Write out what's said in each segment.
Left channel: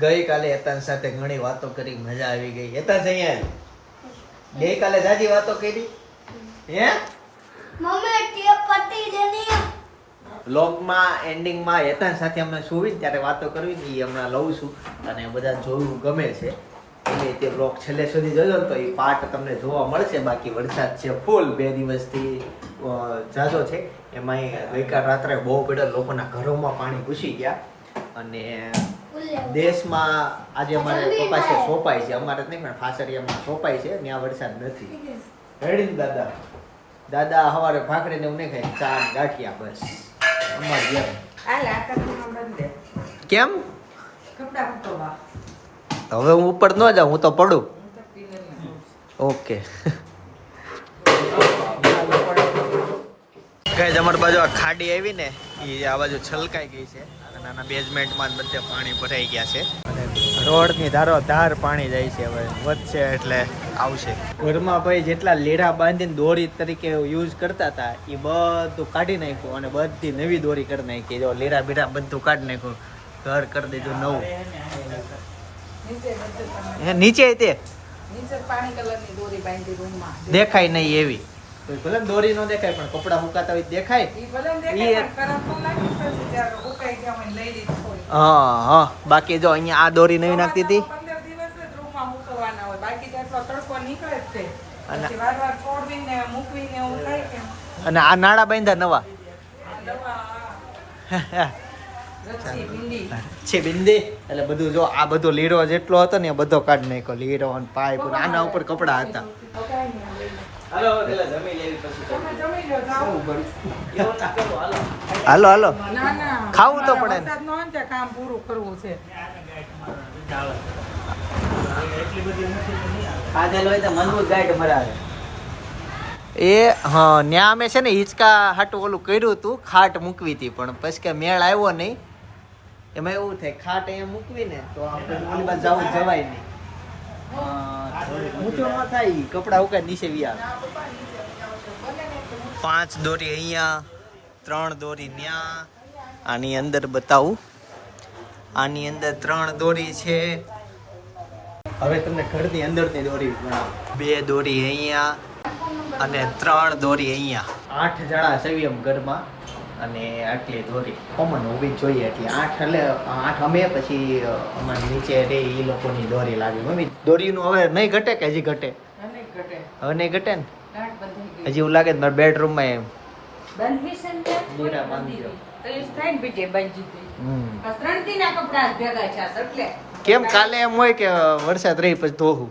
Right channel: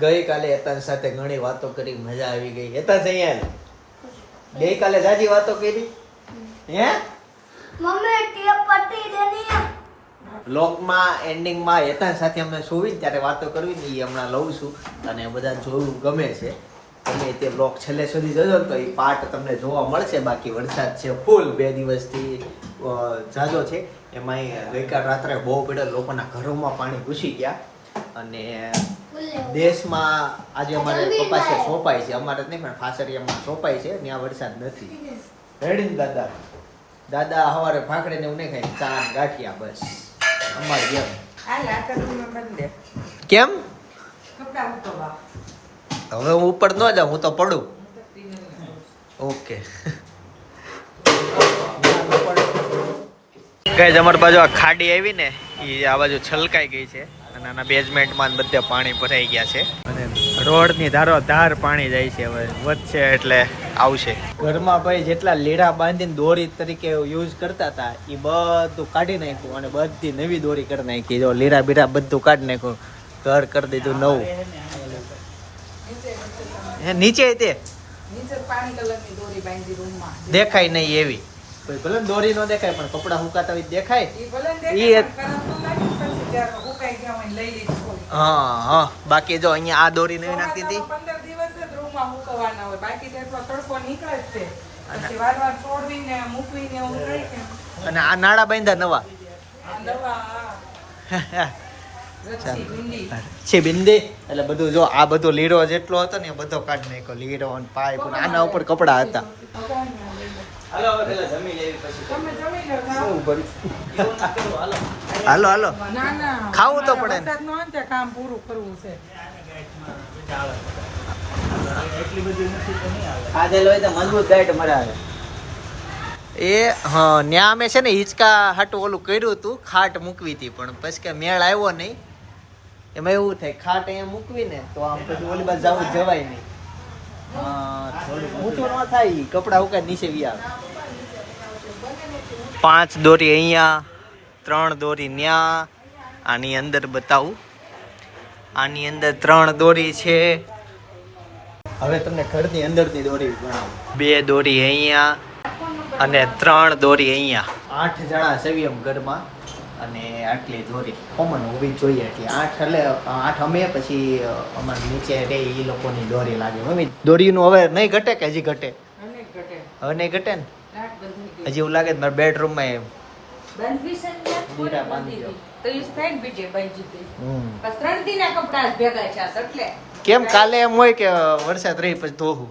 ગઈકાલે હેતાન સાથે ઘણી વાતો કરી મજા આવી ગઈ. એતાન અહીંયા ગઈ ગઈકાલે જાજી વાતો કરી? હે? મમ્મી ટેપ પટી દેની વ્લોગમાં એન્ડિંગમાં એતાન સાથે અમે સુવી ત્યારે વાતો કરવી એ હમણાં લઉં છું. અને બધા જોવું ગમે છે. તમે તે બ્લોક છેલ્લે સુધી જોજો તો એ પાર્ટ તમને જોવા મળશે. બાકી વરસાદ છે ફૂલ બે દિવસથી જાજો છે. એમાં ગઈકાલ રાત્રે બહુ બધા લોકોના ઘરોમાં પાણી ઘૂસી ગયા. અને દેશમાં આજે અમારે કપાસે સોંપાય છે. અમારે નહીં પણ ફાસરિયામાં સોંપાય છે ત્યાં વરસાદ નથી. રેડી દાદા? દાદા સવારે ભાખરીને એવું નહીં ખાય ચા ગાંઠિયા બસ. અમારે જેમ કેમ? હવે હું ઉપર ન જાઉં, હું તો પડું. ઓકે. કઈ અમારી બાજુ આ ખાડી આવી ને એ આ બાજુ છલકાઈ ગઈ છે. અને બેઝમેન્ટમાં બધે પાણી ભરાઈ ગયા છે. અને રોડની ધારો ધાર પાણી જાય છે હવે, વધશે એટલે આવશે. ઘરમાં ભાઈ જેટલા લેડા બાંધીને દોરી તરીકે યુઝ કરતા હતા એ બધું કાઢી નાખ્યું અને બધી નવી દોરી કરી નાખી. જો લીડા બીડા બધું કાઢી નાખ્યું, ઘર કરી દીધું નવું. હે નીચે તે? નીચે પાણી કલરની દોરી બાંધી રૂમમાં. દેખાય નહીં એવી. ભલે દોરી ન દેખાય પણ કપડા સુકાતા હોય દેખાય. હા હા. બાકી જો અહીંયા આ દોરી નવી નાખતી હતી? પંદર દિવસ જ રૂમમાં મૂકવાના હોય. બાકી તો એટલો તડકો નીકળે જ તે અને- આ નાળા બાંધ્યા નવા? છે એટલે બધું જો આ બધો લીરો જેટલો હતો ને એ બધો કાઢ નાખ્યો લીરો અને પાઇપ આના ઉપર કપડા હતા. હાલો હાલો ખાવું તો પડે ને. એ, હા, ન્યા અમે છે ને હિંચકા હાટું ઓલું કર્યું હતું, ખાટ મૂકવી હતી પણ પછી કે મેળ આવ્યો નહીં એમાં એવું થાય ખાટ અહીંયા મૂકવી ને તો આમ પછી ઓલી બાજુ જવું જવાય નહીં. ઊંચું ન થાય કપડા ઉકા નીચે આવે પાંચ દોરી અહીંયા ત્રણ દોરી ન્યા આની અંદર બતાવું. આની અંદર ત્રણ દોરી છે. હવે તમને ઘરની અંદરની દોરી બે દોરી અહીંયા અને ત્રણ દોરી અહીંયા. આઠ જણા સવી એમ ઘરમાં. અને આટલી દોરી. કોમન હોવી જોઈએ એટલે આઠ એટલે આઠ અમે પછી અમારે નીચે રે એ લોકોની દોરી લાગે. મમ્મી દોરીનું હવે નહીં ઘટે કે હજી ઘટે? હવે નહીં ઘટે. ને? હજી એવું લાગે મારા બેડરૂમમાં એમ? દીરા બાંધી કેમ કાલે એમ હોય કે વરસાદ રહી પછી ધોવું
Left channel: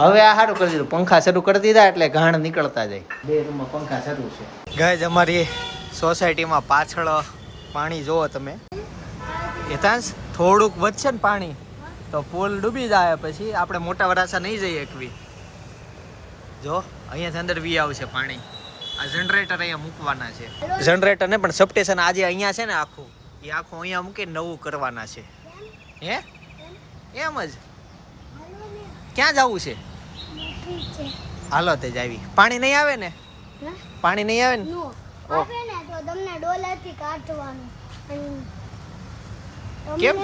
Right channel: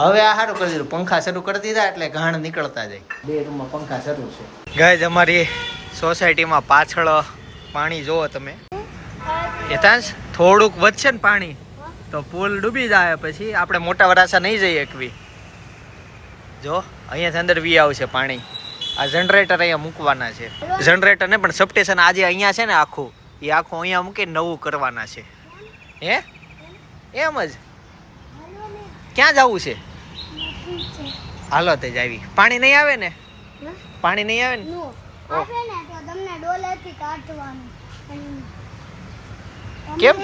હવે આ સારું કરી દીધું. પંખા શરૂ કરી દીધા એટલે ઘાણ નીકળતા જાય. બે રૂમમાં પંખા શરૂ છે. ગાય અમારી સોસાયટીમાં પાછળ પાણી જોવો તમે. યથાંશ થોડુંક વધશે ને પાણી તો પુલ ડૂબી જાય પછી આપણે મોટા વરાસા નહીં જઈએ એકવી જો અહીંયાથી અંદર વી આવશે પાણી. આ જનરેટર અહીંયા મૂકવાના છે. જનરેટર ને પણ સબસ્ટેશન આજે અહીંયા છે ને આખું. એ આખું અહીંયા મૂકી નવું કરવાના છે. હે? એમ જ? ક્યાં જવું છે? હાલો તે જાવી પાણી નહીં આવે ને? પાણી નહીં આવે ને? નો. ને તો તમને ડોલેથી કાઢવાનું. કેમ?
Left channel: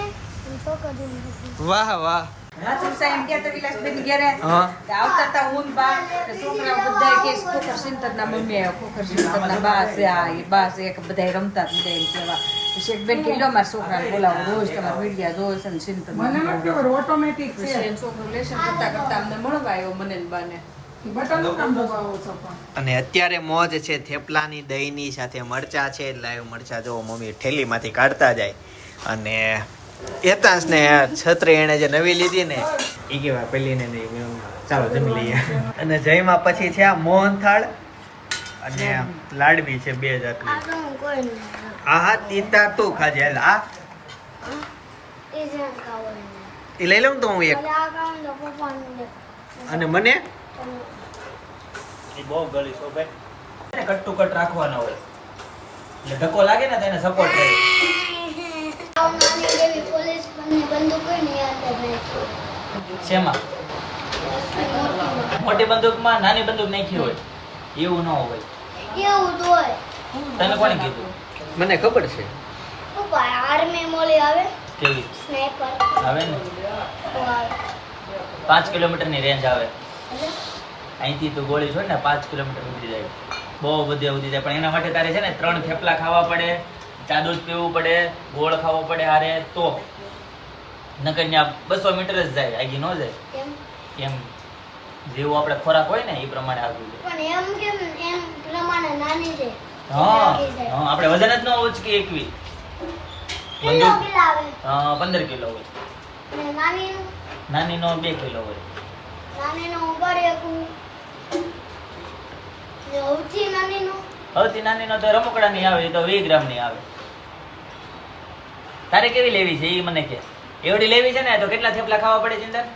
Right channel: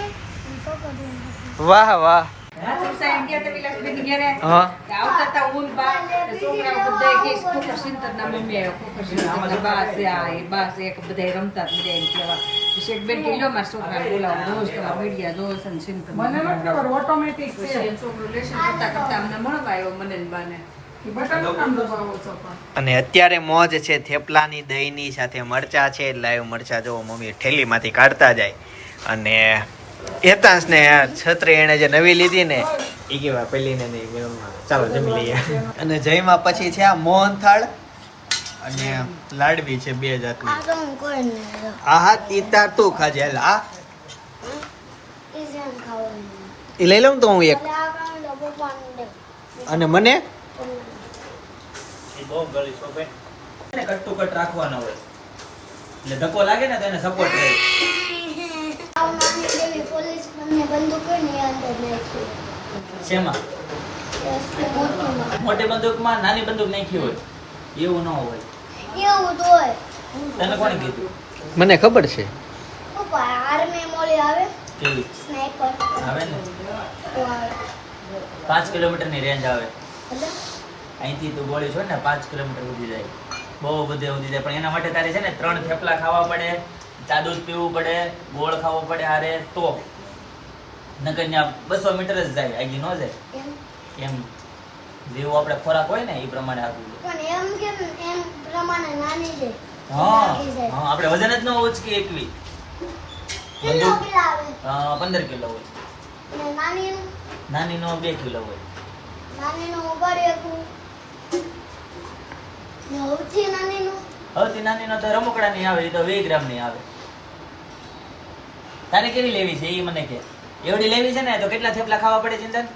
વાહ વાહ. રાત્રે સાહેબ ગયા તો વિલાસબેન ઘેરે હા. તે આવતા તા ઊન બા તે છોકરાઓ બધાય કે ખોખર સિંતરના મમ્મી આવ્યા, ખોખર સિંતરના બા છે આ એ બા છે એક બધાય રમતા બધા એમ કેવા શેખબેન કે છોકરાને બોલાવો રોજ તમારા મીડિયા જોવે છે ને સિંતર મને નથી ખબર ઓટોમેટિક છે છોકરો લેશન કરતા કરતા અમને મળવા આવ્યો મને બાને બટન કામ દબાવો છો પણ અને અત્યારે મોજ છે થેપલાની દહીંની સાથે મરચા છે લાઈવ મરચા જો મમ્મી ઠેલીમાંથી કાઢતા જાય. અને એતાંશ ને છત્રી એને જે નવી લીધી ને એ કેવા પેલી ને ચાલો જમી લઈએ. અને જયમાં પછી છે આ મોહનથાળ. અને લાડવી છે બે જાતની. આ હું તીતા તું ખાજે હાલ આ એ જેમ ખાવું એ લઈ લઉં તો હું એક. અને મને? બહુ ગળી છો ભાઈ. કટ ટુ કટ રાખવાના હોય. એટલે ધક્કો લાગે ને તેને સપોર્ટ રહે શેમાં? મોટી બંદૂકમાં નાની બંદૂક નાખી હોય. એવું ન હોય. એવું તો હોય. તને કોણે કીધું? મને ખબર છે. પપ્પા આર્મી મોલી આવે કેવી? સ્નાઈપર આવે ને? પાંચ કિલોમીટરની રેન્જ આવે. અહીંથી તું ગોળી છો ને પાંચ કિલોમીટર ઉડી જાય. બહુ બધે ઉડી જાય. પણ એના માટે તારે છે ને ત્રણ થેપલા ખાવા પડે ચાદુ પીવું પડે ગોળ ખાવો પડે હારે તો. નગર બસો મીટર જ જાય આગી ન જાય. કેમ એમ. જેવું આપણે ખોરાક હોય ને એ પ્રમાણે જાય પણ એમ કેમ એમ પ્રમાણે નાની છે. હા. હા આપણે વજન જ ન ઉચકી એકવી. કિલો કેટલા પંદર કિલો હોય. ને નાની નાની નો બે કિલો હોય. નાની નો ઉગાડી શકું ને સૌથી નાની નો? સૌથી નાની નો તો રમકડા ની આવે તો વીસ ગ્રામની આવે. તારે કેવી લેવી છે એ મને કે. એવડી લેવી છે ને તો કેટલા થેપલા ખાવા પડે ચિંતન?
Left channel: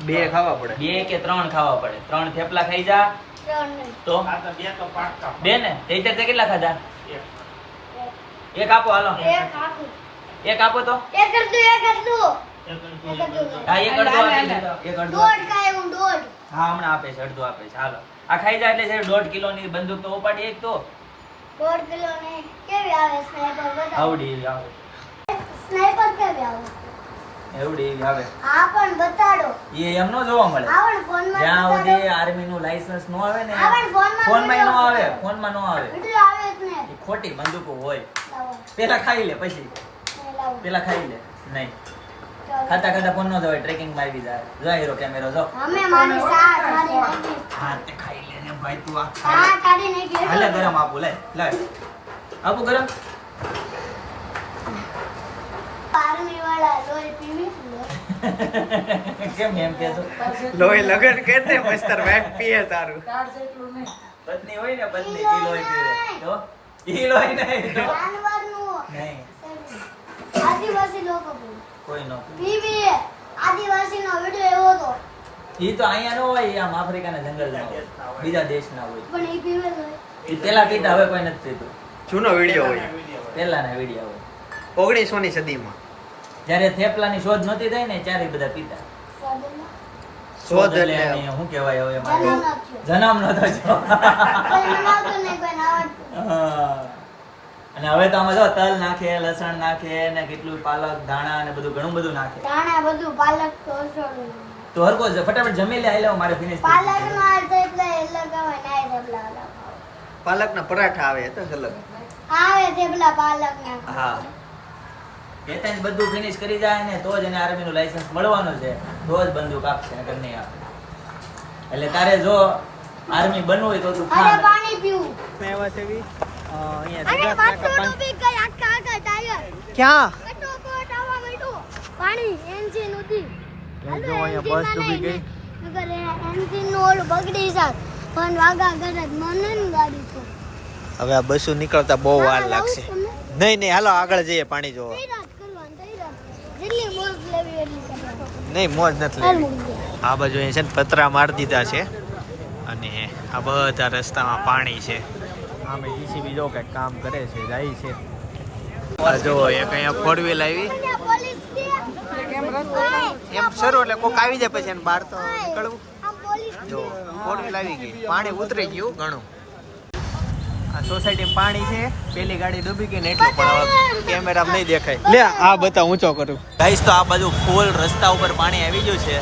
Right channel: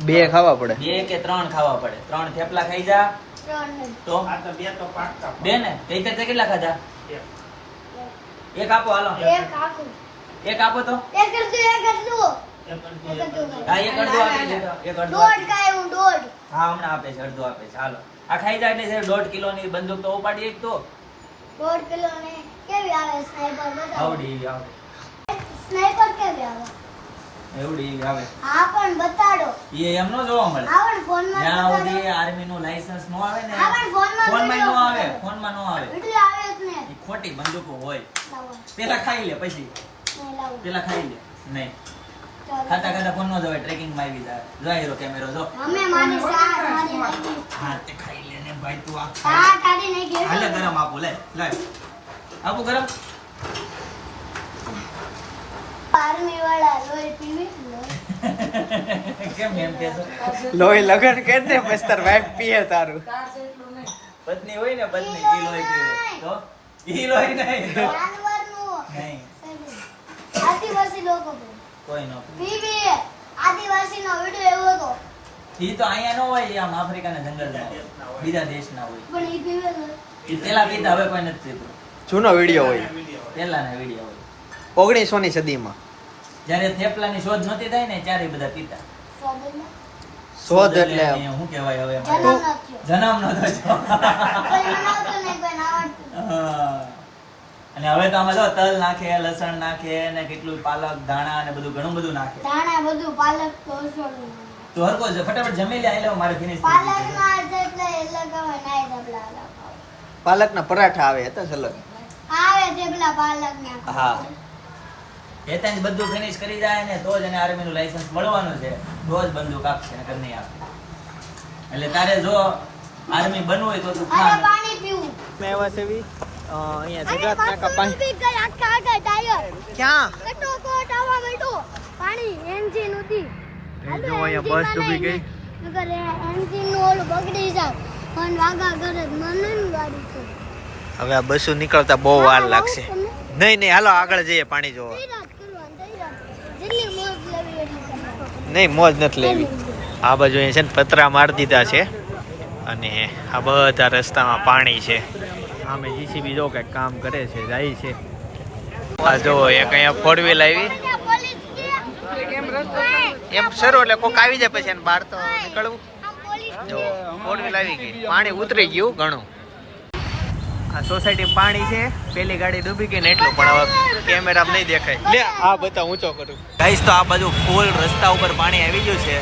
બે ખાવા પડે. બે કે ત્રણ ખાવા પડે. ત્રણ થેપલા ખાઈ જા. તો? બે ને? તે તે કેટલા ખાધા? એક. આપો હાલો. એક આપો. તો. એક એક હા એક અડધો આપી દેતો એક અડધો દોઢ કાંઈ હું હમણાં આપે છે અડધો આપે છે. હાલો. આ ખાઈ જાય એટલે છે દોઢ કિલો ની બંદૂક તો ઉપાડી એક તો. દોઢ કિલો ને કેવી આવે? સ્નાઈપર આવડી આવે. સ્નાઈપર કેવી આવે? એવડી એવી આવે. હા પણ બતાડો. એ એમ નો જોવા મળે. જ્યાં સુધી આર્મી નું લાયસન્સ નો આવે ને હા, પણ ફોનમાં ફોનમાં નો આવે બતાવો. ફોનમાં નો આવે. એટલે આવે જ ને. એ ખોટી બંદૂકો હોય. પેલા ખાઈ લે પછી. પેલા ખાઈ લે. નહીં. ખાતા ખાતા ફોન નો જવાય ટ્રેકિંગમાં આવી જાય જો હીરો કેમેરો જો. અમે મારી સાત મારી હા તે ખાઈ લે ને ભાઈ તું આ ખાઈ હા કાઢી હાલે ગરમ આપું લે લે. આપું ગરમ? આર્મી વાળા લોહી પીવી? કેમ એમ કે લોહી લગન કે દે મસ્તર વાઈફ પીએ તારું. પત્ની હોય ને પત્ની ઈ લોહી પીવે. તો ઈ લોહી નહીં જાનવરનું નહીં. આદિવાસી લોકો કોઈ નો પીવે. આદિવાસી નો વિડિયો એવો તો ઈ તો અહીંયા નો હોય આમ આફ્રિકાના જંગલમાં હોય. બીજા દેશના હોય. પણ ઈ પીવે. ઈ પેલા પીતા હવે કોઈ નથી પીતું. જૂનો વિડિયો હોય. પેલાના વીડિયો હોય. ઓગણીસો ની સદીમાં. જ્યારે થેપલાની શોધ નહોતી થઈ ને ત્યારે બધા પીતા શોધ એટલે એટલે શું કહેવાય હવે જન્મ મારે? નથી. જન્મ નતો કોઈ બનાવતું નહીં, કોઈ આવડતું. હા. અને હવે તો આમાં જો તલ નાખે લસણ નાખે ને કેટલું પાલક ધાણા ને બધું ઘણું બધું નાખે દાણા બધું પાલક તો તો હરકો જ ફટાફટ જમી લે આઈ મારે ફિનિશ આવે ને થેપલા પરાઠા આવે હતા અલગ આવે થેપલા પાલકના. હા એ ત્યાં બધું ફિનિશ કરી જાય ને તો જ એને આર્મી નું લાયસન્સ મળવાનું છે. તો જ બંદૂક આપશે નકર નહીં આપે. એટલે તારે જો આર્મી બનવું હોય તો તું ખા પાણી પીવું. મેં એવા સેવી અહીંયા જગાત નાકા બી કઈ આખા આખા ટાયર. ક્યાં? કટોકટ આવા બેઠો પાણી એન્જિન હતી એ જો અહીંયા બસ ડૂબી ગઈ. અગર એન્જિનનું ઓલું બગડી જાય. પણ વાગા કરે મને ને ગાડી તો. હવે આ બસો નીકળતા બહુ વાર લાગશે. નહીં નહીં હાલો આગળ જઈએ પાણી જોવા તૈયાર કરવાનું તૈયાર જેટલી મોજ લેવી એટલી કરવાની નહીં મોજ નથી લેવી. આ બાજુ અહીંયા છે ને પતરા મારી દીધા છે. અને આ બધા રસ્તામાં પાણી છે. આમે જીસીબી જો કંઈક કામ કરે છે જાય છે. આ જો એક અહીંયા ફોર વ્હીલ આવી. એમ સરો એટલે કોક આવી જાય પછી બહાર તો નીકળવું. જો ફોર વ્હીલ આવી ગઈ. પાણી ઉતરી ગયું ઘણું. આ સોસાયટી પાણી છે. પેલી ગાડી ડૂબી ગઈ ને એટલું પણ હવે કેમેરા નહીં દેખાય. લે આ બતા ઊંચો કરું. ગાઈસ તો આ બાજુ ફૂલ રસ્તા ઉપર પાણી આવી ગયું છે.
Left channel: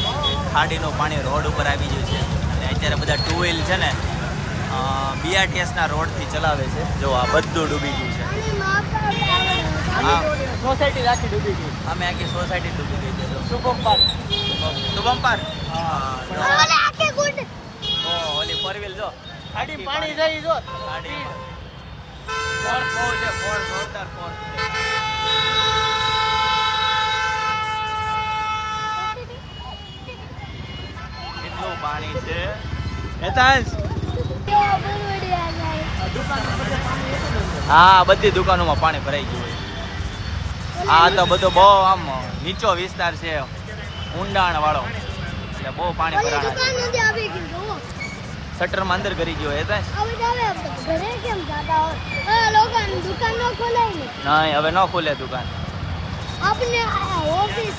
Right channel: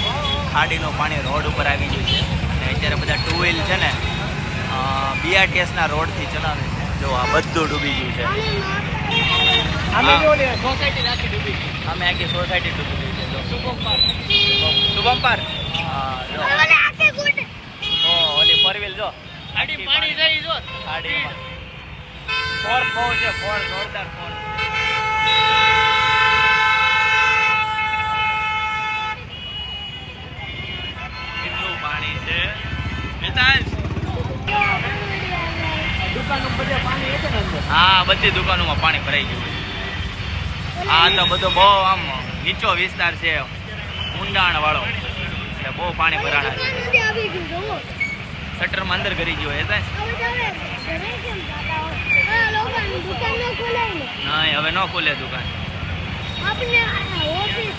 ખાડીનું પાણી રોડ ઉપર આવી ગયું છે. અને અત્યારે બધા ટુ વ્હીલ છે ને બીઆરટીએસના રોડથી ચલાવે છે. જો આ બધું ડૂબી ગયું છે. અમે આખી સોસાયટી ડૂબી ગઈ છે જો. શુભમ પર હા જો. ઓલે આખે ગુડ. ઓ ઓલી ફોર વ્હીલ જો. આખી પાણી જઈ જો. ખાડીમાં ફોર બહુ છે ફોર જોરદાર ફોર કેટલું પાણી છે? હેતાંશ હા બધી દુકાનોમાં પાણી ભરાઈ ગયું હોય. આ તો બધો બહુ આમ નીચો વિસ્તાર છે ઊંડાણ વાળો એટલે બહુ પાણી ભરાણા છે. જુઓ. શટરમાં અંદર કરી ગયો હતા હવે હવે ઘરે કેમ જાતા હોય? આ લોકોની દુકાન ન ખોલાય નહીં હવે ન ખુલે દુકાન. આપણે ઓફિસ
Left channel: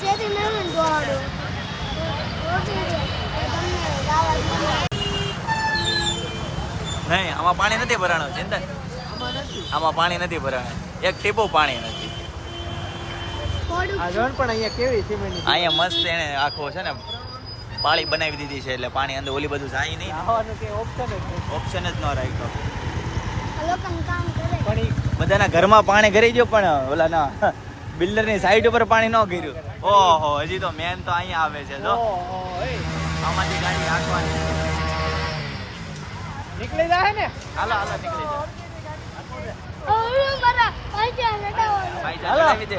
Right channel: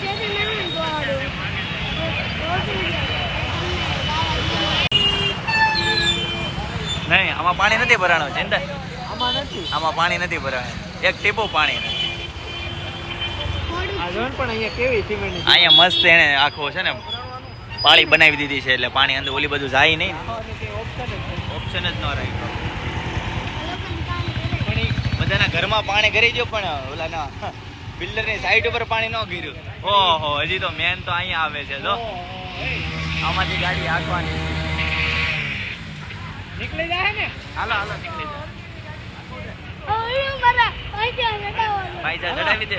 નહીં આમાં પાણી નથી ભરાણો ચિંતન આમાં પાણી નથી ભરાણું. એક ટીપો પાણી નથી. પણ અહીંયા કેવી સિમેન્ટ અહીંયા મસ્ત એને આખો છે ને પાળી બનાવી દીધી છે એટલે પાણી અંદર ઓલી બધું જાય નહીં. ઓપ્શન જ નથી. ઓપ્શન જ ન રાખ્યો. બધાના ઘરમાં પાણી ઘરી દો પણ ઓલા ના બિલ્ડરની સાઈડ ઉપર પાણી ન ગીર્યું. ઓહો હજી તો મેન તો અહીંયા આવે છે જો. આમાંથી ગાડી હાંકવાની. નીકળી જાય ને? હાલો હાલો નીકળી જાય પૈસા ભાઈ જા ચડાવી દે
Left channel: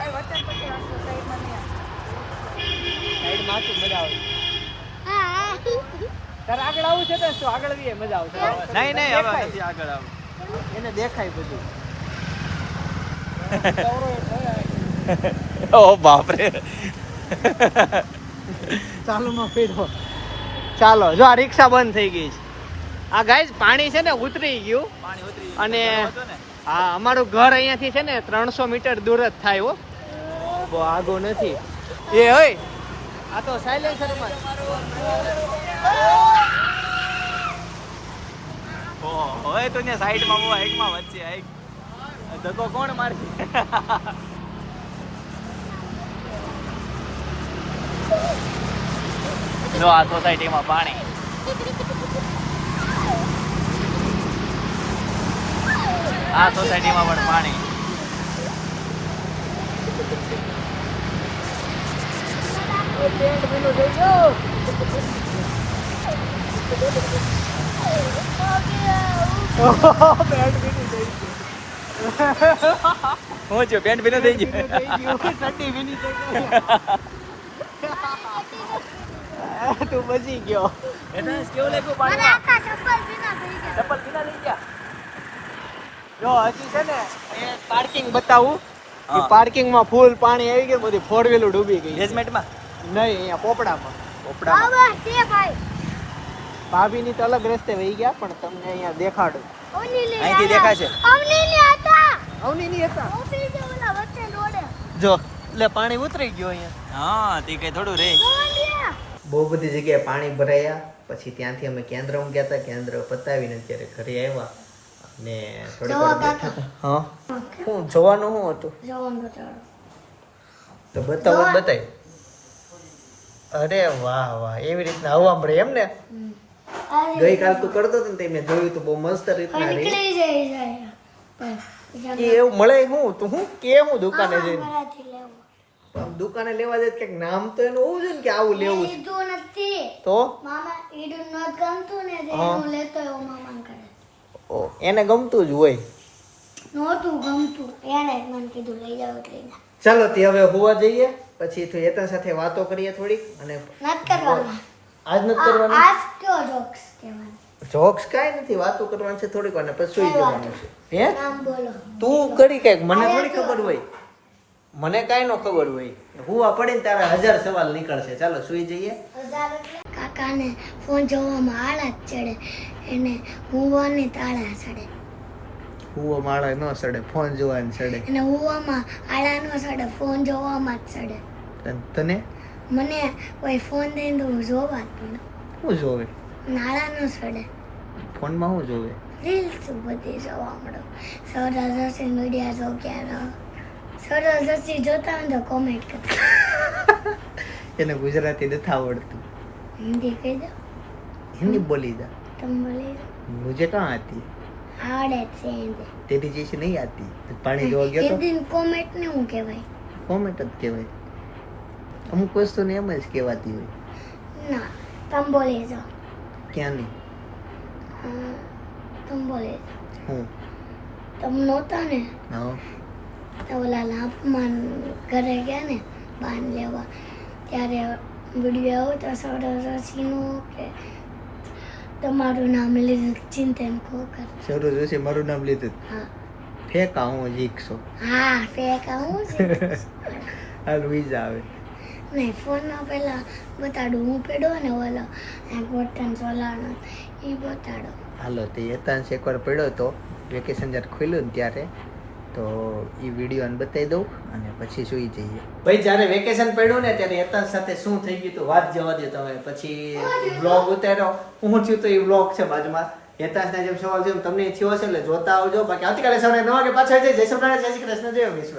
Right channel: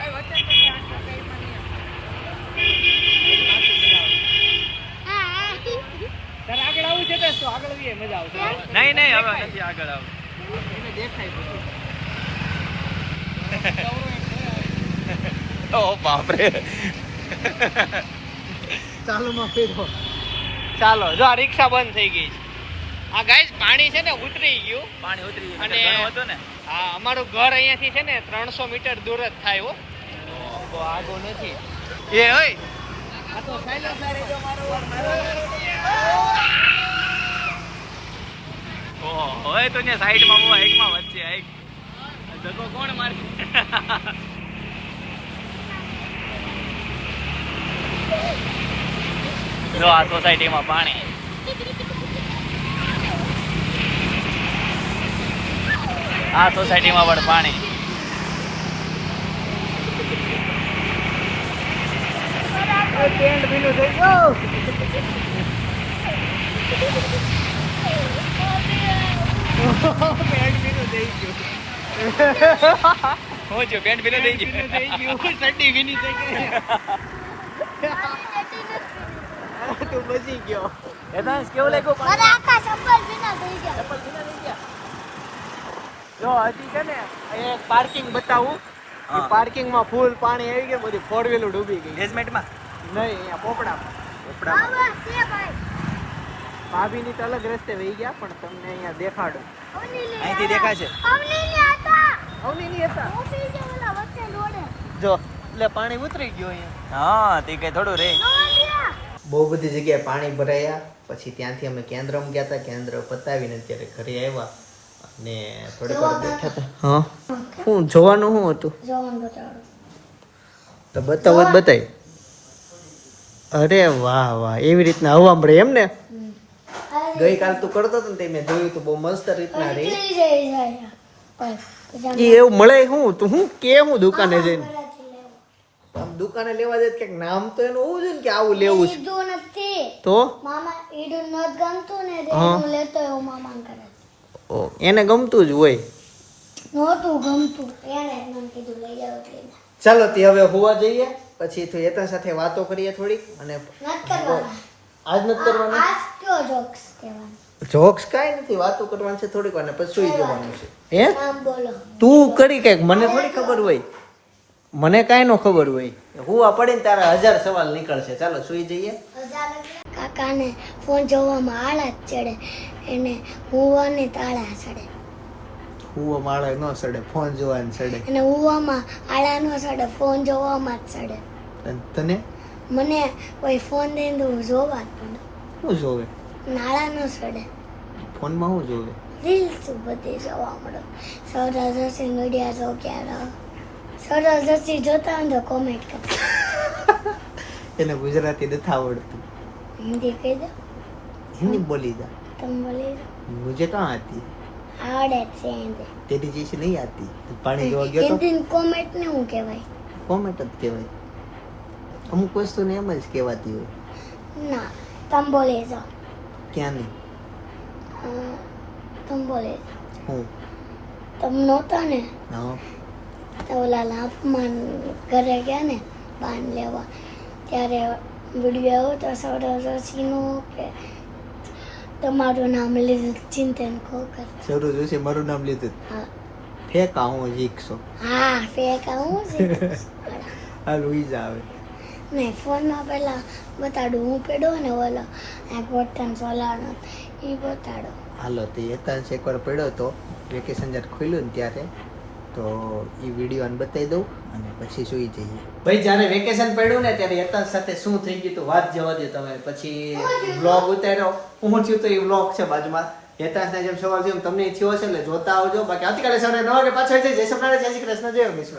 સાઈડમાં હતું, મજા આવે હા તારે આગળ આવું છે તો આગળ આવીએ મજા આવશે. નહીં નહીં હવે નથી આગળ આવું એને દેખાય બધું. ઓ બાપરે. ચાલુમાં ફેરવો. ચાલો જો આ રિક્ષા બંધ થઈ ગઈ છે. આ ગાઈઝ પાણી છે ને ઉતરી ગયું. પાણી ઉતરી અને- ગયું હતું ને? આ અમારું ઘર અહીંયાથી છે ને ત્રણસો મીટર દૂર જ થાય હો. આગો નથી. એ ઓય આ તો સાયલેન્સરમાં ઓહો, હવે તો ને સાઈડમાં બહુ હાઈકમાં વચ્ચે હાઈક ધક્કો કોણ મારશે? જો આ સોસાયટીમાં પાણી. આ સોસાયટીમાં પણ પાણી. પેન્ટ ભીનું થઈ ગયું હું. છું પેન્ટ ભીનું થઈ ભીનું થઈ ગયું ચડ્ડી ભીની થઈ ગઈ તું બચી ગયો ગયું કેવું લાગ્યું મારા આખા ચપ્પલ જૂના થઈ ગયા જો હજી છે ને અહીંયા પાર્કિંગ બતાવું પાર્કિંગમાં પાર્કિંગમાં ફૂલ પાણી આવી ગયું બધી ફોર વ્હીલર ડૂબી ગઈ. બેઝમેન્ટમાં નહીં અહીંયા પોપડામાં. પોપડામાં. બાબા છે ભાઈ. તો અલગ રસ્તે વહી ગયા પણ તમને અહીંયા દેખાડું. અહીંથી. દેખાશે. હતા જો એટલે પાણી ઉતરી ગયું અહીંયા. હા તે કઈ થોડું રે. બહુ બધી જગ્યાએ પાણી ભરાયા પછી ત્યાંથી અમે કેન્દ્રમાં ગયા હતા કેન્દ્ર પતાવીને અત્યારે ઘરે આવ્યા. અને થોડી વાર બેઠા હતા. હા. શું જોવાનું શું હતું? જોવાનું બતાડો. તો બતાવો જ બતાય. અરે વાહ વાહ. એવી રીતના હવા મળે એમ ને ગઈકાલ તું કરતો હતો ને તે મેં જોયું તો બહુ મસ્ત રીતના રહી નીકળી જાય જાય પણ એ એવું મળે હું તું હું કેમ દુકાને જઈને? આમ દુકાને લેવા જાય કે નામ તો એનું હોવું જોઈએ ને કે આવું લેવું છે. ઈડું નથી. તો? મામા ઈડું ન ગમતું ને એનું હું. લેતો એવો મામાને કરે. એને ગમતું જ હોય. નહોતું ગમતું. એને જ મને કીધું લઈ જાવ એટલે. ચાલો તે હવે હોવા જઈએ. પછી તો યતન સાથે વાતો કરીએ થોડીક અને આજ નથી કરવાનું? જોક્સ જોક્સ કાંઈ નથી વાતો કરવાની છે થોડીક વાર પછી સુઈ જવાનું છે. હે? તું કરી કંઈક મને થોડી ખબર હોય. મને કાંઈ નો ખબર હોય. હુવા પડે ને તારા હજાર સવાલ નીકળશે. ચાલો સુઈ જઈએ. કાકાને ફોન જોવામાં આળા ચડે એને હુવાની તાળા ચડે. હુવામાં આળા ન સડે ફોન જોવાને સડે. અને હુવામાં આળા ન સડે ફોન જોવામાં જ સડે. અને તને? મને કોઈ ફોન દઈને તો હું જોવા જ પડે. શું જોવે? નાળા ન સડે. ફોનમાં શું જોવે? રીલ તો બધી જોવા મળે. સૌરા જોશી મીડિયા જો ક્યારે? સૌરા જોશી જોતા હોય તો કોમેન્ટ કર એને ગુજરાતી નથી આવડતું. હિન્દી કહી દો. હિન્દી બોલી દો તમે બોલી દો. મુજે કાં આતી આવડે છે તેરી જે નહીં આવતી પાણી જોવા ગયો તો? કોમેટ ને હું કહેવાય? કોમેટ જ કહેવાય. અમુક વસ્તુને એમ જ કહેવાતી હોય. ના તંબોલેઝા ક્યાંની? તંબોલેઝા હું? તમ નહોતા ને? તો ઓલા લાપમાન ઘરે ગયા ને બાન લેવા. ત્યારે વીડિયો આવ્યો તો સૌરાષ્ટ્રસીનો કે તમારું નામ લીધું ચિંતન કોકર શરૂ જોશે મારું નામ લીધું. હા. ફેંકા હું જીકશો હા ફેક છે હાલ ઉઈ આવે નહીં ફોનમાં પહેલાં બતાડું હું પેડો ને ઓલો આ બટન સોલારનો એ બતાડો. હાલો તે એકાંશ એકવાર પડ્યો તો વેકેશન જ્યારે ખુલ્યું ને ત્યારે તો એ વીડિયો ને બતાવી દઉં અને પછી સુઈ જઈએ. ભાઈ, જ્યારે વેકેશન પડ્યું ને ત્યારે યતાંશ સાથે શું થઈ ગયું તો વાત જવા દો તમે. પછી વ્લોગ ઉતાર્યો. હું થયું તો એ વ્લોગ છે બાજુમાં. હેતાશના જેમ સવાલ થયો તમને થયો હશે એટલે જોતા આવજો. બાકી આવતીકાલે સવારે નવા વાગે પાછા જય. શ્રી જય શ્રી કૃષ્ણ. જય વિશ્વ